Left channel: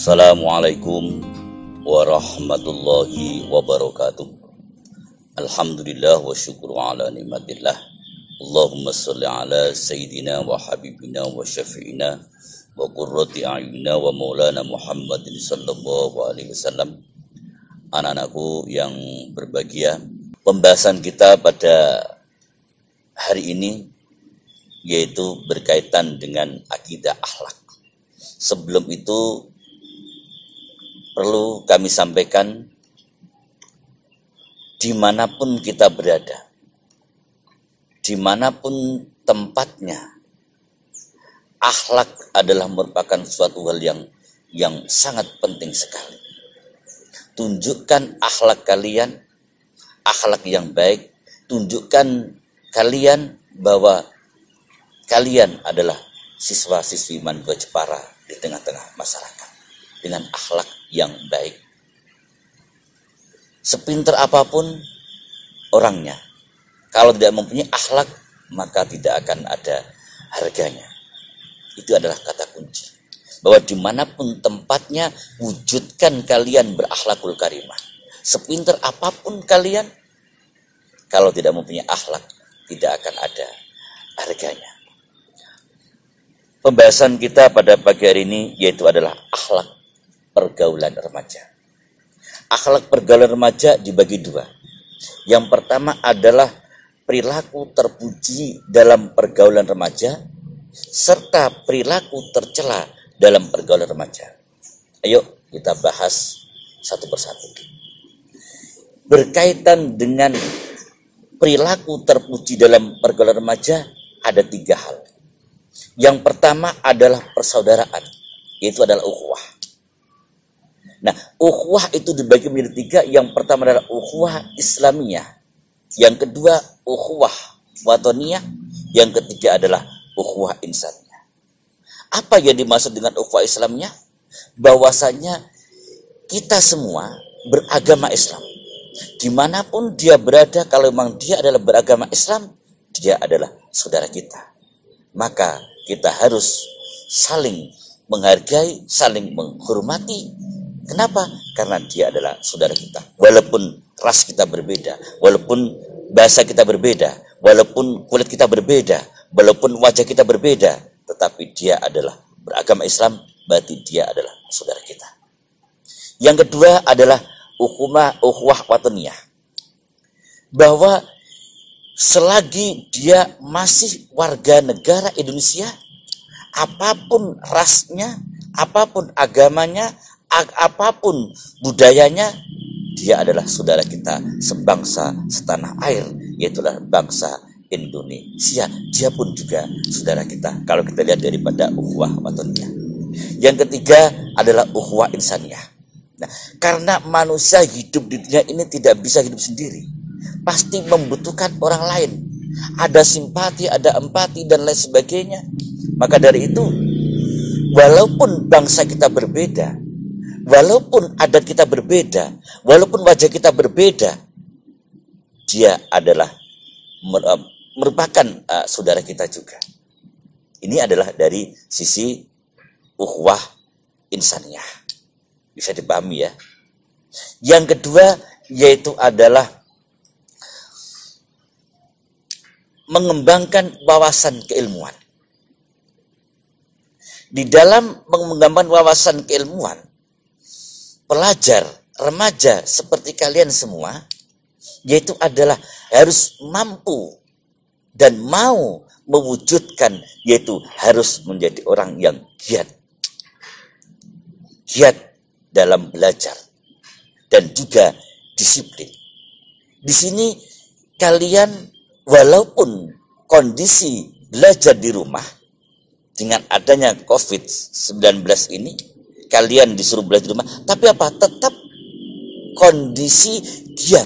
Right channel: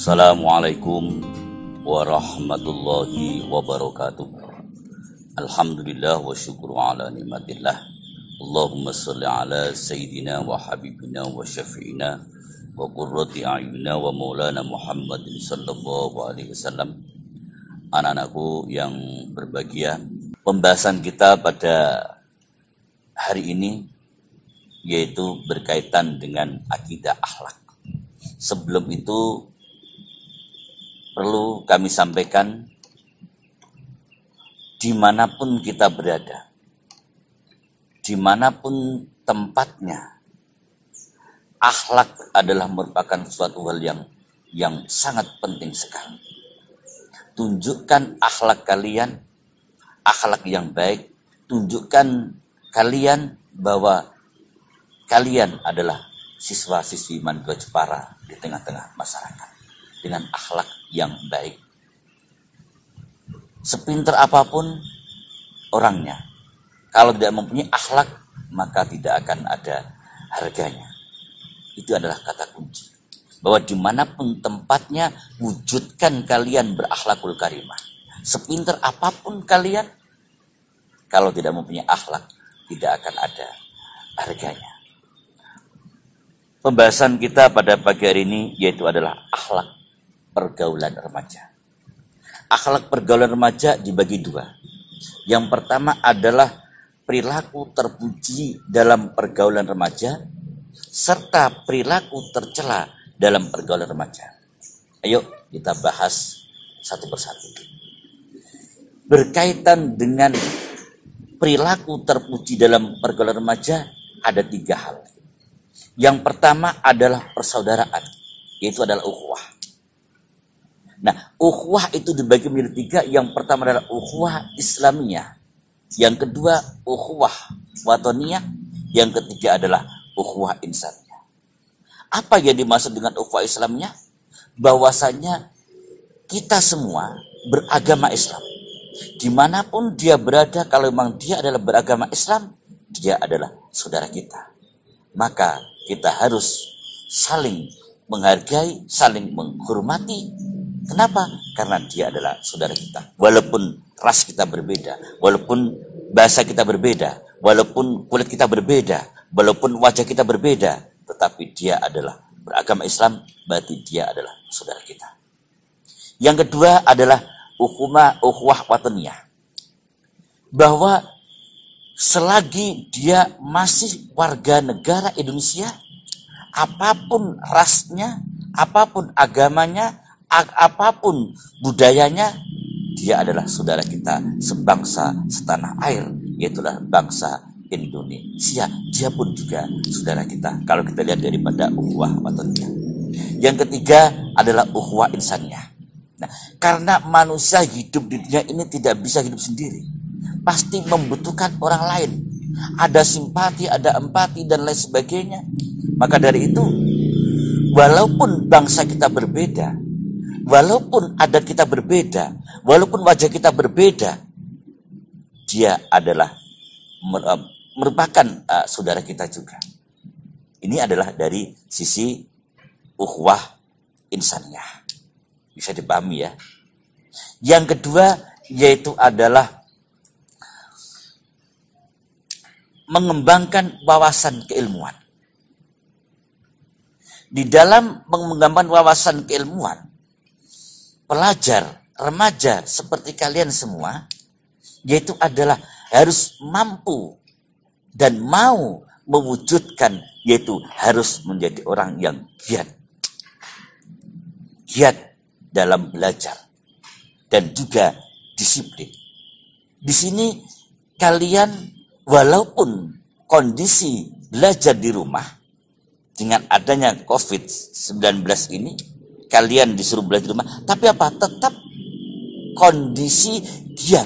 Assalamualaikum warahmatullahi wabarakatuh. Alhamdulillah wa syukru ala nikmatillah. Allahumma salli ala sayyidina wa habibina wa syafi'ina wa qurrati a'yunina wa maulana Muhammadin sallallahu alaihi wasallam. Anak-anakku yang berbahagia, pembahasan kita pada hari ini yaitu berkaitan dengan akidah akhlak. Sebelum itu perlu kami sampaikan, dimanapun kita berada, dimanapun tempatnya, akhlak adalah merupakan suatu hal yang sangat penting sekali. Tunjukkan akhlak kalian, akhlak yang baik. Tunjukkan kalian bahwa kalian adalah siswa-siswi Mandra Jepara di tengah-tengah masyarakat dengan akhlak yang baik. Sepintar apapun orangnya, kalau tidak mempunyai akhlak, maka tidak akan ada harganya. Itu adalah kata kunci. Bahwa dimanapun tempatnya, wujudkan kalian berakhlakul karimah. Sepintar apapun kalian, kalau tidak mempunyai akhlak, tidak akan ada harganya. Pembahasan kita pada pagi hari ini yaitu adalah akhlak pergaulan remaja. Akhlak pergaulan remaja dibagi dua. Yang pertama adalah perilaku terpuji dalam pergaulan remaja serta perilaku tercela dalam pergaulan remaja. Ayo kita bahas satu persatu. Berkaitan dengan perilaku terpuji dalam pergaulan remaja ada tiga hal. Yang pertama adalah persaudaraan, yaitu adalah ukhuwah. Nah, ukhuwah itu dibagi menjadi tiga. Yang pertama adalah ukhuwah Islamiyah. Yang kedua, ukhuwah watoniyah. Yang ketiga adalah ukhuwah insaniyah. Apa yang dimaksud dengan ukhuwah Islamiyah? Bahwasanya kita semua beragama Islam. Dimanapun dia berada, kalau memang dia adalah beragama Islam, dia adalah saudara kita. Maka kita harus saling menghargai, saling menghormati. Kenapa? Karena dia adalah saudara kita. Walaupun ras kita berbeda, walaupun bahasa kita berbeda, walaupun kulit kita berbeda, walaupun wajah kita berbeda, tetapi dia adalah beragama Islam, berarti dia adalah saudara kita. Yang kedua adalah ukhuwah wataniyah. Bahwa selagi dia masih warga negara Indonesia, apapun rasnya, apapun agamanya, apapun budayanya, dia adalah saudara kita sebangsa setanah air, yaitulah bangsa Indonesia. Dia pun juga saudara kita. Kalau kita lihat daripada ukhuwah wataniyah. Yang ketiga adalah ukhuwah insaniyah. Nah, karena manusia hidup di dunia ini tidak bisa hidup sendiri, pasti membutuhkan orang lain. Ada simpati, ada empati, dan lain sebagainya. Maka dari itu, walaupun bangsa kita berbeda, walaupun adat kita berbeda, walaupun wajah kita berbeda, dia adalah merupakan saudara kita juga. Ini adalah dari sisi ukhuwah insaniyah. Bisa dipahami ya. Yang kedua yaitu adalah mengembangkan wawasan keilmuan. Di dalam mengembangkan wawasan keilmuan, pelajar, remaja seperti kalian semua, yaitu adalah harus mampu dan mau mewujudkan, yaitu harus menjadi orang yang giat. Giat dalam belajar dan juga disiplin. Di sini kalian walaupun kondisi belajar di rumah dengan adanya COVID-19 ini, kalian disuruh belajar di rumah, tapi apa? Tetap kondisi giat,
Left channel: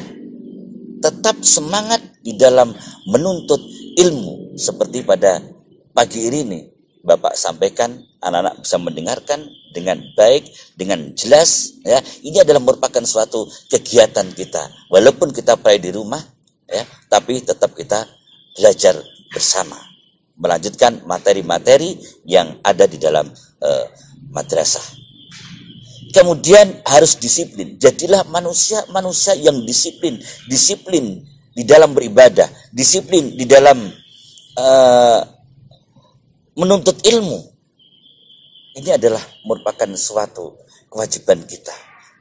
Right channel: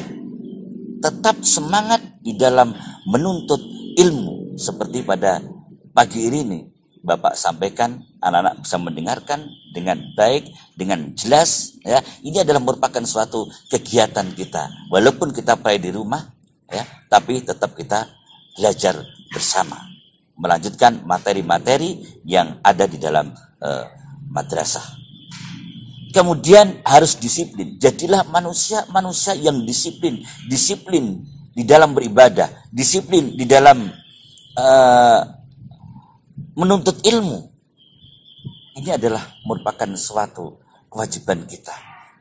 tetap semangat di dalam menuntut ilmu. Seperti pada pagi ini Bapak sampaikan, anak-anak bisa mendengarkan dengan baik, dengan jelas. Ya, ini adalah merupakan suatu kegiatan kita. Walaupun kita berada di rumah, ya, tapi tetap kita belajar bersama, melanjutkan materi-materi yang ada di dalam madrasah. Kemudian harus disiplin. Jadilah manusia yang disiplin. Disiplin di dalam beribadah. Disiplin di dalam menuntut ilmu. Ini adalah merupakan suatu kewajiban kita.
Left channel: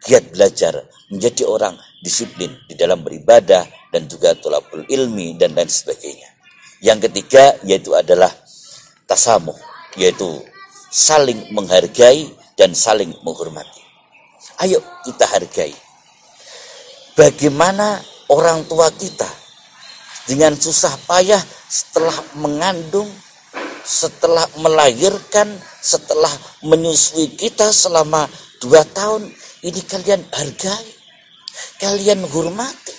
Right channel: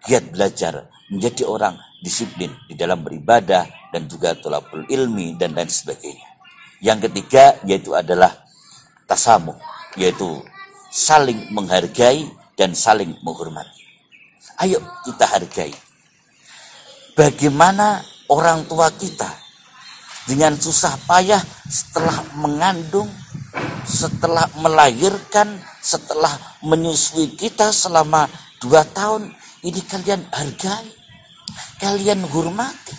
Giat belajar, menjadi orang disiplin di dalam beribadah dan juga thalabul ilmi dan lain sebagainya. Yang ketiga yaitu adalah tasamuh, yaitu saling menghargai dan saling menghormati. Ayo kita hargai. Bagaimana orang tua kita dengan susah payah setelah mengandung, setelah melahirkan, setelah menyusui kita selama 2 tahun, ini kalian hargai, kalian hormati.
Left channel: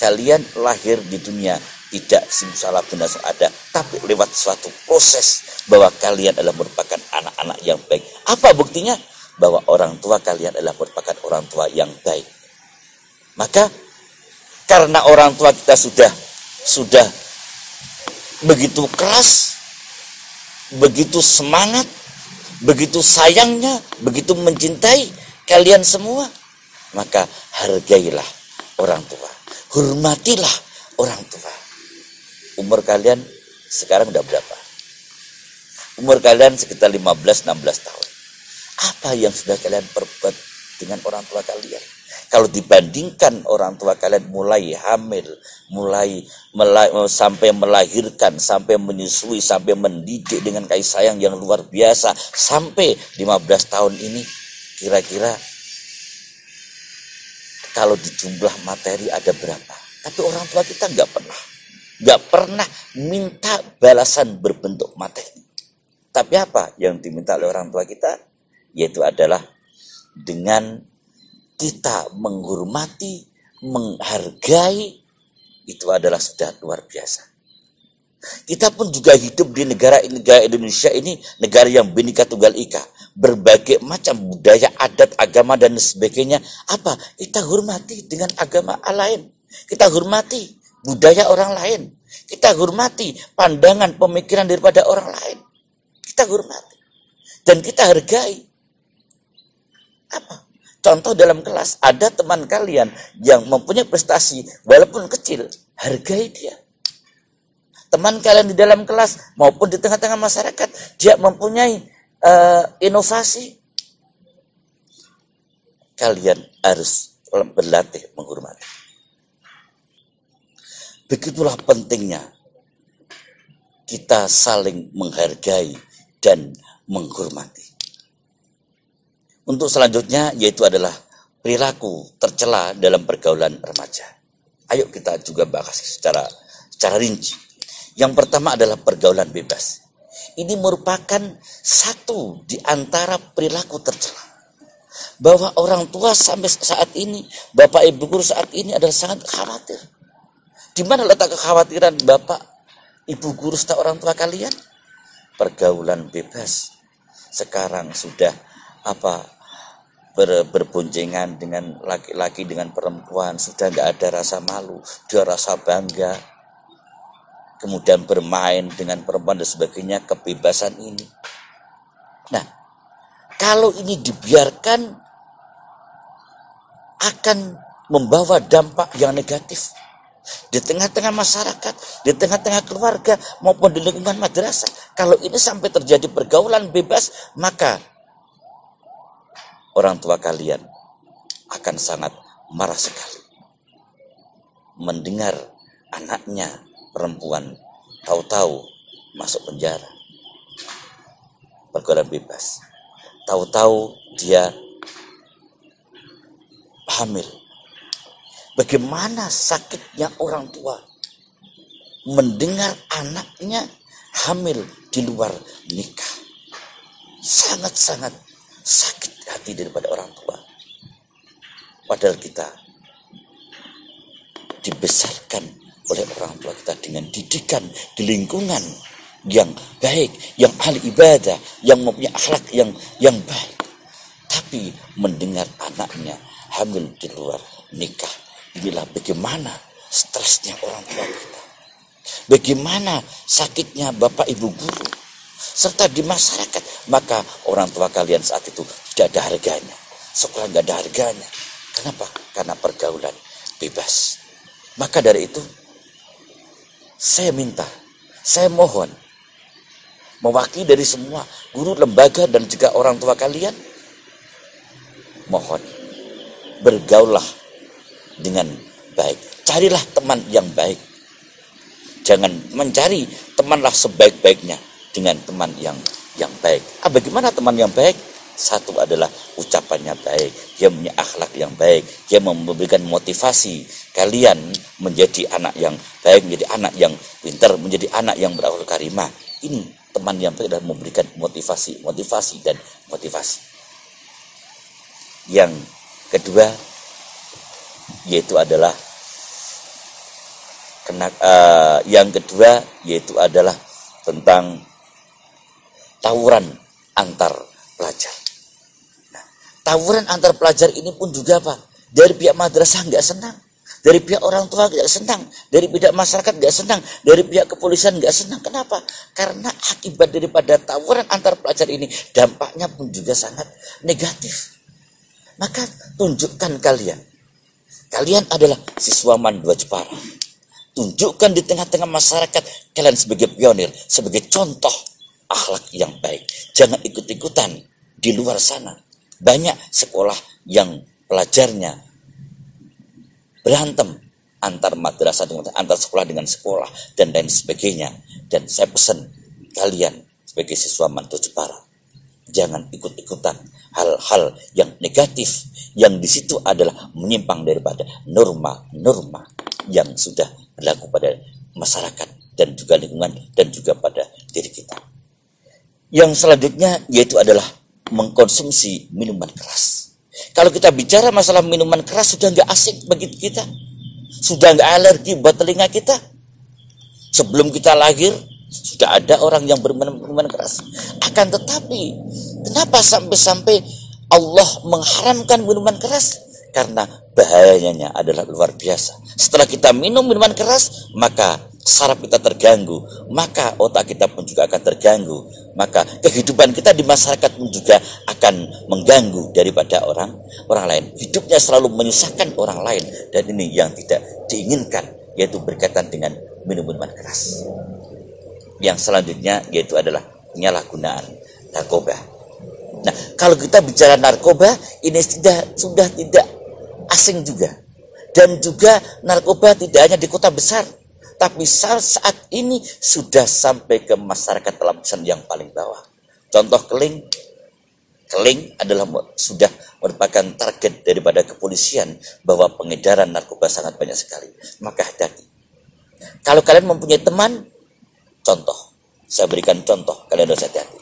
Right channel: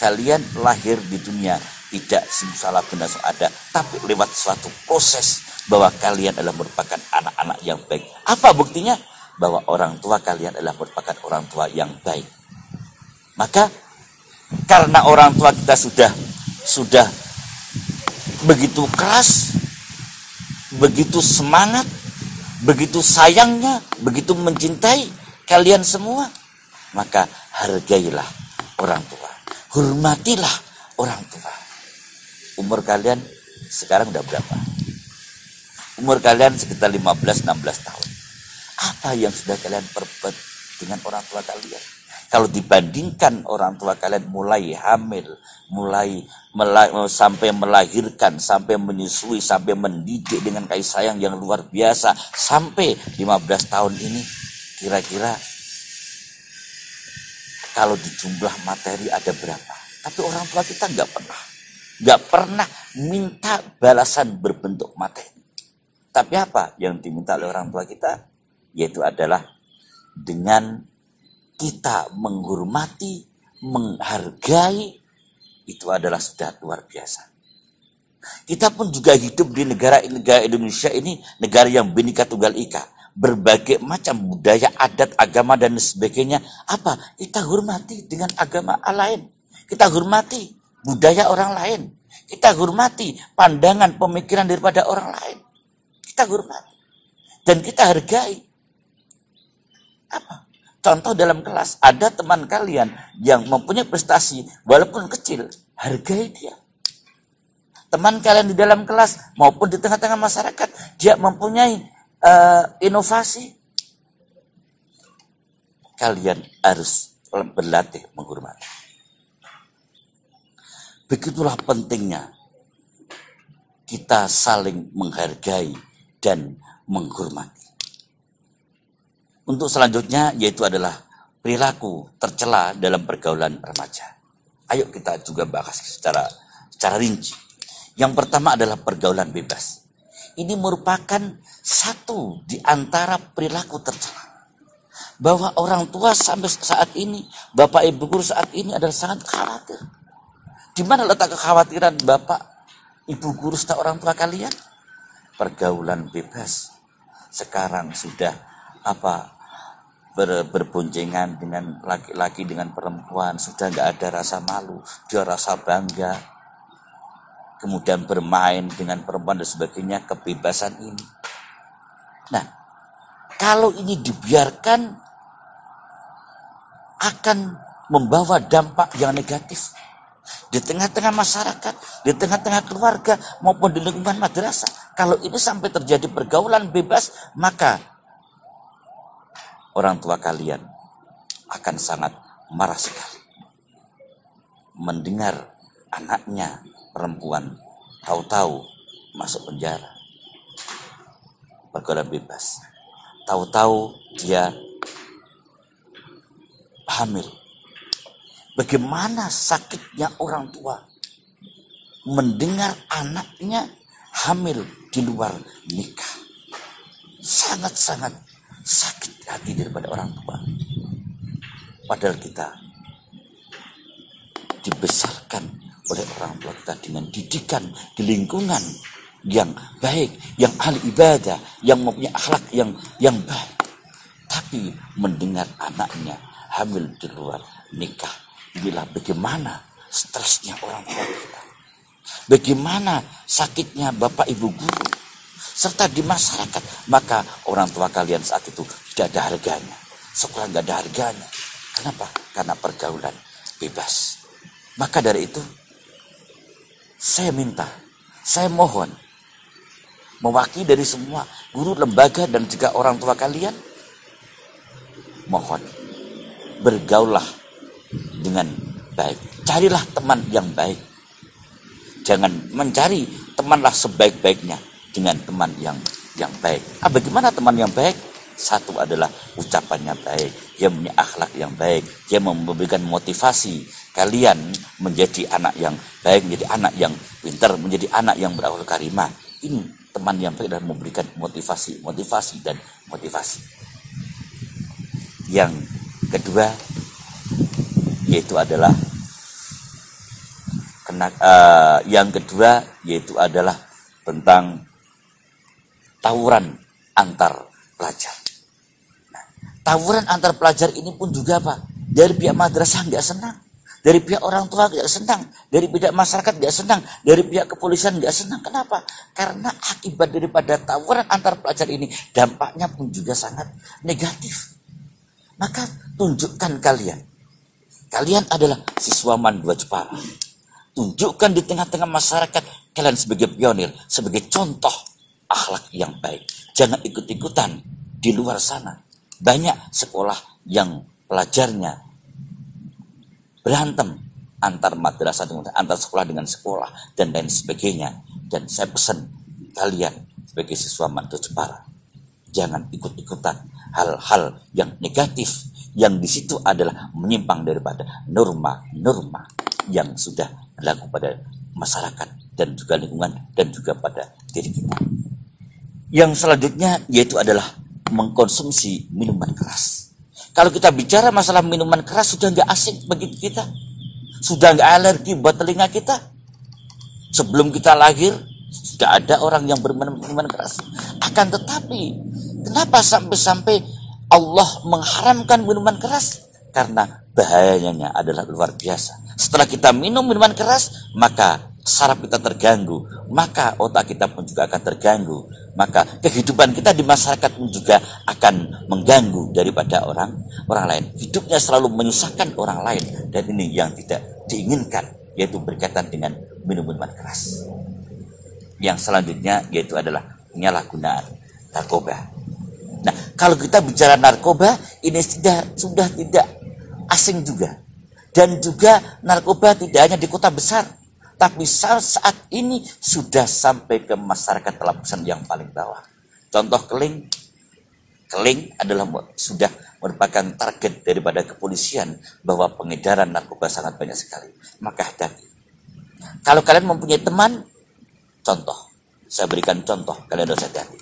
Kalian lahir di dunia tidak simsalah benar ada, tapi lewat suatu proses bahwa kalian adalah merupakan anak-anak yang baik. Apa buktinya? Bahwa orang tua kalian adalah merupakan orang tua yang baik. Maka karena orang tua kita sudah begitu keras, begitu semangat, begitu sayangnya, begitu mencintai kalian semua, maka hargailah orang tua, hormatilah orang tua. Umur kalian sekarang udah berapa? Umur kalian sekitar 15-16 tahun. Apa yang sudah kalian perbuat dengan orang tua kalian? Kalau dibandingkan orang tua kalian mulai hamil, mulai sampai melahirkan, sampai menyusui, sampai mendidik dengan kasih sayang yang luar biasa, sampai 15 tahun ini, kira-kira kalau di jumlah materi ada berapa? Tapi orang tua kita nggak pernah minta balasan berbentuk materi. Tapi apa yang diminta oleh orang tua kita? Yaitu adalah dengan kita menghormati, menghargai, itu adalah sudah luar biasa. Kita pun juga hidup di negara Indonesia ini, negara yang Bhinneka Tunggal Ika, berbagai macam budaya, adat, agama dan sebagainya. Apa? Kita hormati dengan agama lain. Kita hormati budaya orang lain. Kita hormati pandangan pemikiran daripada orang lain. Kita hormati dan kita hargai. Apa? Contoh dalam kelas, ada teman kalian yang mempunyai prestasi walaupun kecil, hargai dia. Teman kalian di dalam kelas maupun di tengah-tengah masyarakat, dia mempunyai inovasi. Kalian harus berlatih menghormati. Begitulah pentingnya kita saling menghargai dan menghormati. Untuk selanjutnya yaitu adalah perilaku tercela dalam pergaulan remaja. Ayo kita juga bahas secara rinci. Yang pertama adalah pergaulan bebas. Ini merupakan satu di antara perilaku tercela. Bahwa orang tua sampai saat ini, Bapak Ibu guru saat ini adalah sangat khawatir. Di mana letak kekhawatiran Bapak Ibu guru serta orang tua kalian? Pergaulan bebas. Sekarang sudah berboncengan dengan laki-laki, dengan perempuan, sudah nggak ada rasa malu, dia rasa bangga, kemudian bermain dengan perempuan dan sebagainya, kebebasan ini. Nah, kalau ini dibiarkan akan membawa dampak yang negatif di tengah-tengah masyarakat, di tengah-tengah keluarga maupun di lingkungan madrasah. Kalau ini sampai terjadi pergaulan bebas, maka orang tua kalian akan sangat marah sekali mendengar anaknya perempuan tahu-tahu masuk penjara, pergaulan bebas, tahu-tahu dia hamil. Bagaimana sakitnya orang tua mendengar anaknya hamil di luar nikah. Sangat-sangat sakit hati daripada orang tua. Padahal kita dibesarkan oleh orang tua kita dengan didikan di lingkungan yang baik, yang ahli ibadah, yang mempunyai akhlak yang baik. Tapi mendengar anaknya hamil di luar nikah, inilah bagaimana stresnya orang tua kita. Bagaimana sakitnya Bapak Ibu guru serta di masyarakat, maka orang tua kalian saat itu tidak ada harganya. Sekolah nggak ada harganya. Kenapa? Karena pergaulan bebas. Maka dari itu, saya minta, saya mohon, mewakili dari semua guru, lembaga, dan juga orang tua kalian, mohon, bergaullah dengan baik. Carilah teman yang baik. Jangan mencari temanlah sebaik-baiknya dengan teman yang baik. Bagaimana teman yang baik? Satu adalah ucapannya baik, dia punya akhlak yang baik, dia memberikan motivasi kalian menjadi anak yang baik, menjadi anak yang pintar, menjadi anak yang berakhlak karimah. Ini teman yang baik adalah memberikan motivasi dan motivasi. Yang kedua yaitu adalah tentang tawuran antar pelajar. Tawuran antar pelajar ini pun juga apa? Dari pihak madrasah nggak senang, dari pihak orang tua nggak senang, dari pihak masyarakat nggak senang, dari pihak kepolisian nggak senang. Kenapa? Karena akibat daripada tawuran antar pelajar ini dampaknya pun juga sangat negatif. Maka tunjukkan kalian adalah siswa MAN 2 Jepara. Tunjukkan di tengah-tengah masyarakat kalian sebagai pionir, sebagai contoh akhlak yang baik. Jangan ikut-ikutan di luar sana. Banyak sekolah yang pelajarnya berantem antar madrasah, antar sekolah dengan sekolah, dan lain sebagainya. Dan saya pesan kalian sebagai siswa MAN 2 Jepara, jangan ikut-ikutan hal-hal yang negatif, yang di situ adalah menyimpang daripada norma-norma yang sudah berlaku pada masyarakat dan juga lingkungan dan juga pada diri kita. Yang selanjutnya yaitu adalah mengkonsumsi minuman keras. Kalau kita bicara masalah minuman keras, sudah nggak asing bagi kita, sudah nggak alergi buat telinga kita. Sebelum kita lahir sudah ada orang yang berminum minuman keras. Akan tetapi kenapa sampai Allah mengharamkan minuman keras? Karena bahayanya adalah luar biasa. Setelah kita minum minuman keras, maka saraf kita terganggu, maka otak kita pun juga akan terganggu, maka kehidupan kita di masyarakat pun juga akan mengganggu daripada orang lain. Hidupnya selalu menyusahkan orang lain, dan ini yang tidak diinginkan, yaitu berkaitan dengan minum minuman keras. Yang selanjutnya yaitu adalah penyalahgunaan narkoba. Nah, kalau kita bicara narkoba, ini sudah tidak asing juga. Dan juga narkoba tidak hanya di kota besar, tapi saat ini sudah sampai ke masyarakat lapisan yang paling bawah. Contoh Keling adalah sudah merupakan target daripada kepolisian bahwa pengedaran narkoba sangat banyak sekali. Maka hati-hati. Kalau kalian mempunyai teman, saya berikan contoh, kalian harus hati-hati.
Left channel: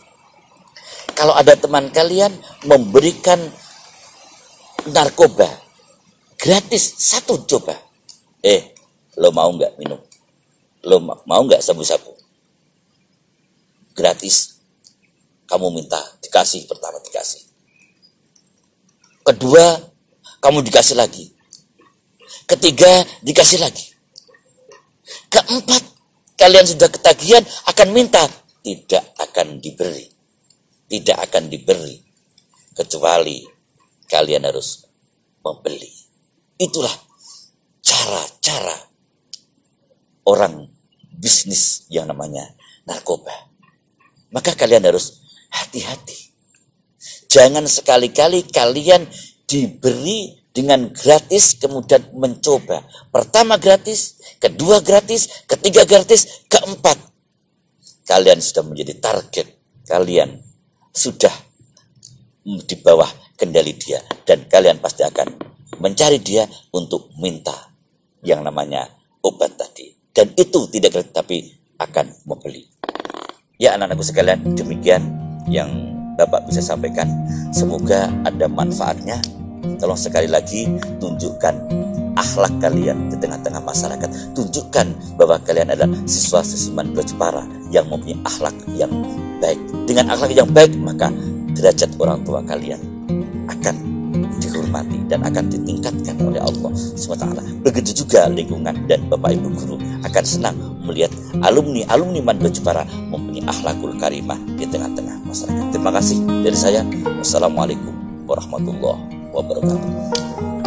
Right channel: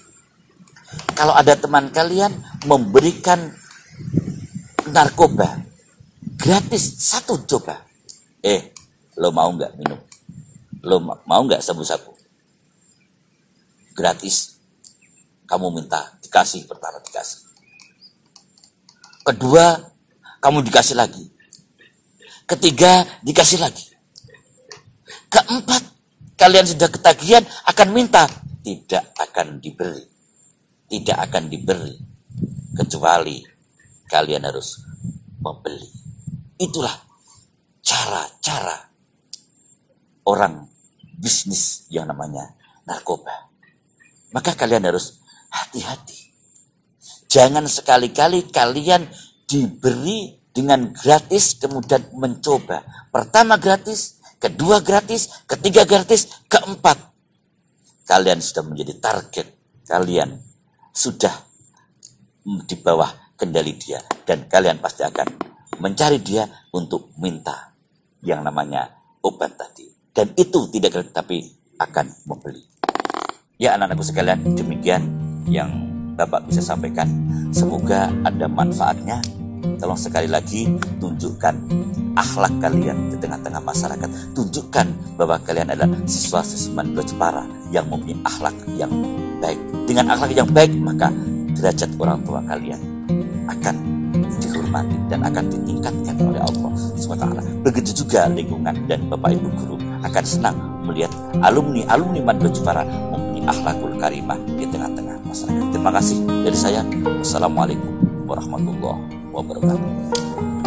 Kalau ada teman kalian memberikan narkoba gratis, satu coba, lo mau nggak minum? Lo mau nggak sabu-sabu? Gratis. Kamu minta, dikasih, pertama dikasih. Kedua, kamu dikasih lagi. Ketiga, dikasih lagi. Keempat, kalian sudah ketagihan, akan minta. Tidak akan diberi. Tidak akan diberi. Kecuali kalian harus membeli. Itulah cara-cara orang bisnis yang namanya narkoba. Maka kalian harus hati-hati. Jangan sekali-kali kalian diberi dengan gratis kemudian mencoba. Pertama gratis, kedua gratis, ketiga gratis, keempat kalian sudah menjadi target. Kalian sudah di bawah kendali dia, dan kalian pasti akan mencari dia untuk minta yang namanya obat tadi. Dan itu tidak gratis, tapi akan membeli. Ya anak-anakku sekalian, demikian yang Bapak bisa sampaikan. Semoga ada manfaatnya. Tolong sekali lagi tunjukkan akhlak kalian di tengah-tengah masyarakat. Tunjukkan bahwa kalian adalah siswa-siswi MAN 2 Jepara yang mempunyai akhlak yang baik. Dengan akhlak yang baik, maka derajat orang tua kalian akan dihormati dan akan ditingkatkan oleh Allah SWT. Begitu juga lingkungan dan Bapak Ibu guru akan senang melihat alumni Madba Jepara mempunyai akhlakul karimah di tengah-tengah masyarakat. Terima kasih dari saya. Wassalamualaikum warahmatullahi wabarakatuh.